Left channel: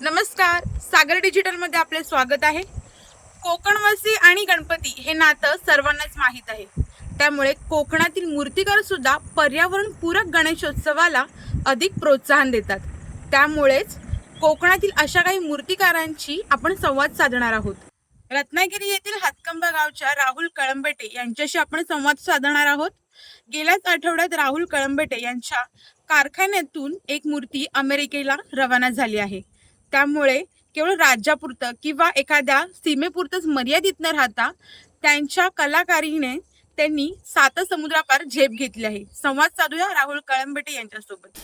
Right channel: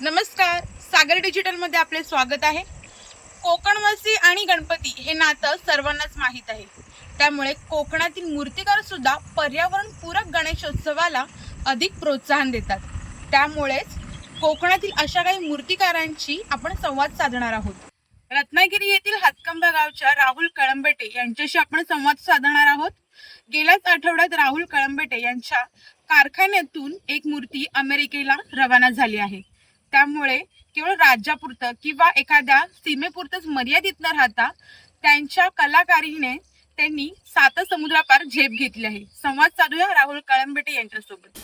नमस्कार, सागर डिजिटल मध्ये आपले स्वागत आहे। कोकणवासी आणि गणपती हे नातं सर्वांनाच माहीत आहे। त्यामुळे कोकणातील मूर्तिकार सुद्धा पर्यावरण पूरक गणेशोत्सवाला अधिक प्रोत्साहन देतात। त्यामुळेच कोकणातील अशा काही मूर्तिकारांची आपण संवाद साधणार आहोत। रत्नागिरी येथील हातकंबा गावच्या राहुल कळंबेटे यांच्याशी आपण संवाद साधणार आहोत। गेल्याच आठवड्यात राहुल कळंबेटे यांच्या कारखान्यातून एक मूर्ती अमेरिकेला रवाना झाली आहे। त्यामुळे केवळ राज्यापुरतं किंवा एखाद्या सीमेपुरतंच मर्यादित न राहता त्यांच्या कलाकारीने त्यांनी 7 समुद्रापार झेप घेतली आहे। संवाद साधूया राहुल कळंबेटे यांच्यासोबत।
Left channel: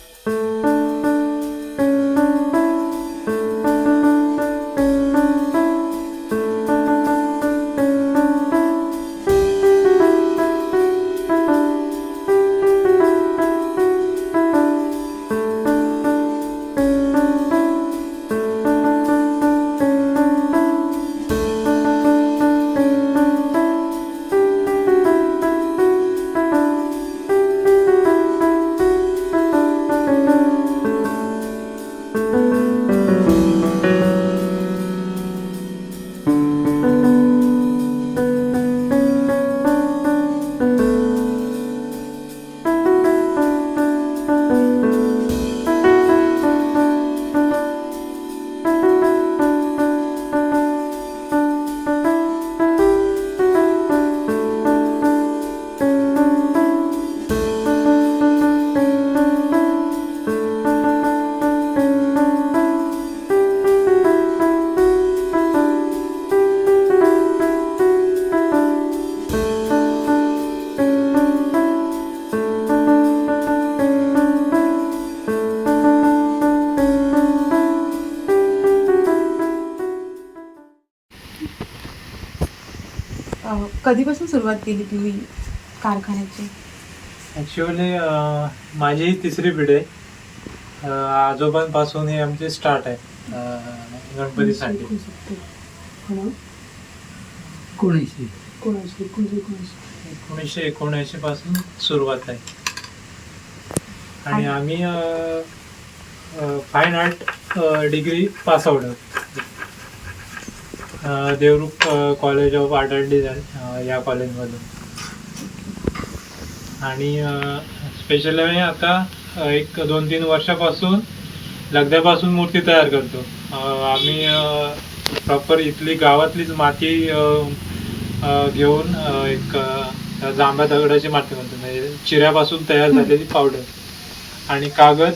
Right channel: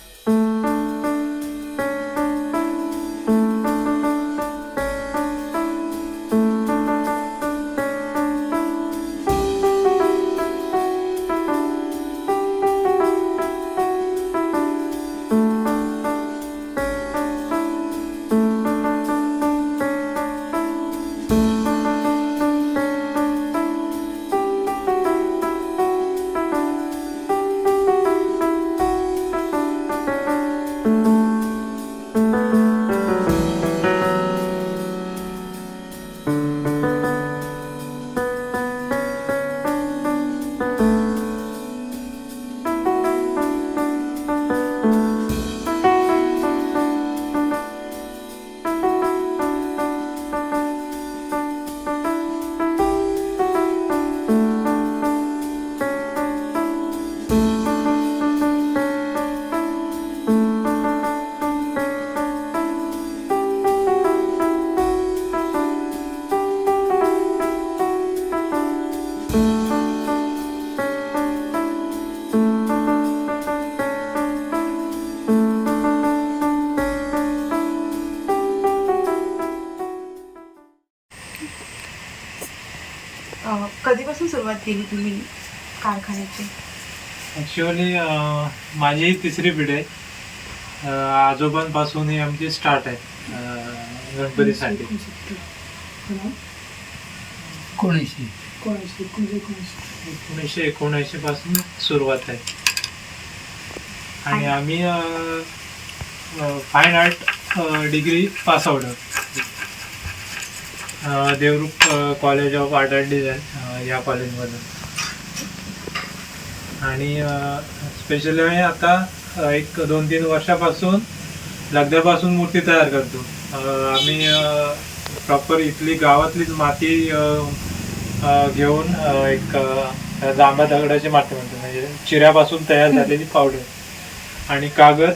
कधीपासून सुरुवात केली तुम्ही कारखान्याची? ॲक्च्युअली माझी ही 3री पिढी आहे। आजोबांपासून हे आमची स्टार्ट आहे गणपतीसाठी। 1979 पासून सुरुवात आहे आणि आम्ही fine art degree pass out आहोत Devrukh college of art and design या कॉलेजमधून। आणि स्पेशली आम्ही आता एक 2-3 वर्षापासून लगद्यापासून मूर्ती तयार करतो। आम्ही प्रॉपर इथली गावातलीच माती घेऊन एक जांभ्या दगडाची माती म्हणतो, म्हणजे चिऱ्यापासून तयार झालेली पावडर आणि कागद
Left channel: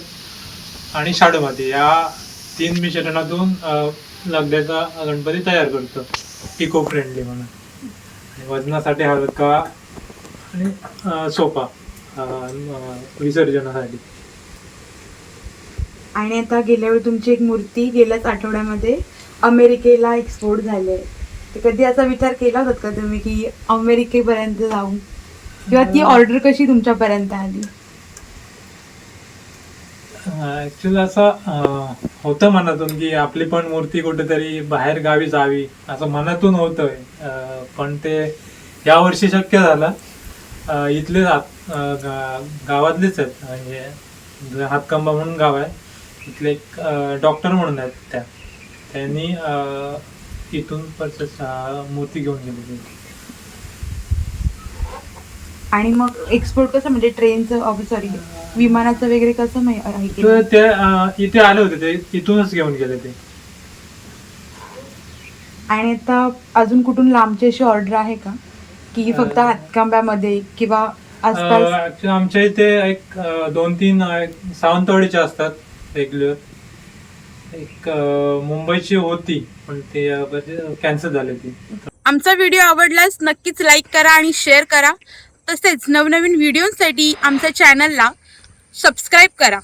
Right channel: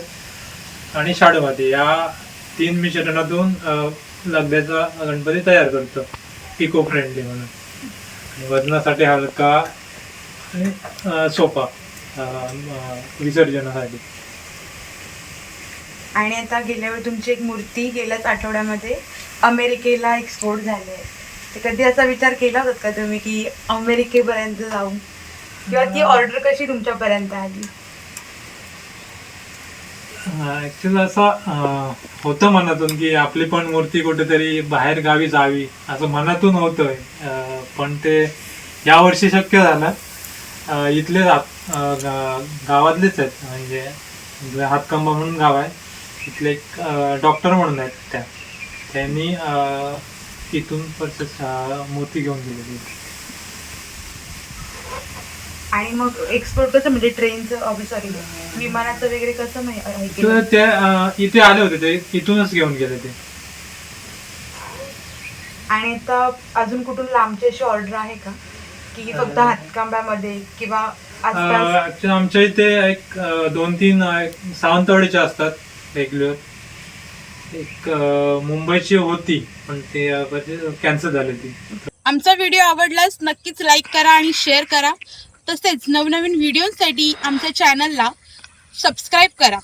आणि शाडू माती या 3 मिश्रणातून लगद्याचा गणपती तयार करतो, इको फ्रेंडली म्हणून आणि वजनासाठी हलका आणि सोपा विसर्जनासाठी। आणि आता गेल्या वेळी तुमची एक मूर्ती गेल्याच आठवड्यामध्ये अमेरिकेला एक्सपोर्ट झाली आहे। तर कधी असा विचार केला होता का तुम्ही की अमेरिकेपर्यंत जाऊ, किंवा ती ऑर्डर कशी तुमच्यापर्यंत आली? ॲक्च्युअली असं होतं मनातून की आपली पण मूर्ती कुठेतरी बाहेर गावी जावी असं मनातून होतं, पण ते यावर्षी शक्य झालं। इथले गावातलेच आहेत, म्हणजे हातकंबा म्हणून गाव आहे, इथले एक डॉक्टर म्हणून आहेत त्यांनी इथून परचेस मूर्ती घेऊन गेलेली। आणि मग एक्सपोर्ट कसं, म्हणजे ट्रेनचं सॉरी विमानाचं वगैरे कसं ते इथे आले होते, ते इथूनच घेऊन गेले ते। आणि आता अजून कुठून लांबची अशी ऑर्डर आहे का, की फक्त हातकंब्यामध्ये किंवा आसपास? आमच्या इथे एक 2-3 सावंतवाडीच्या असतात रेग्युलर, एक मुंबईची होती पण ते कॅन्सल झाली ती। आमचा व्हिडिओ आवडल्यास नक्कीच लाईक करा आणि शेअर करा। तसेच नवनवीन व्हिडिओसाठी आमच्या चॅनलला सबस्क्राईब करा।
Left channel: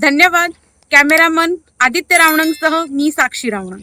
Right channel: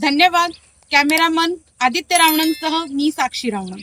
धन्यवाद। कॅमेरामन आदित्य रावणंगसह मी साक्षी रावणंग।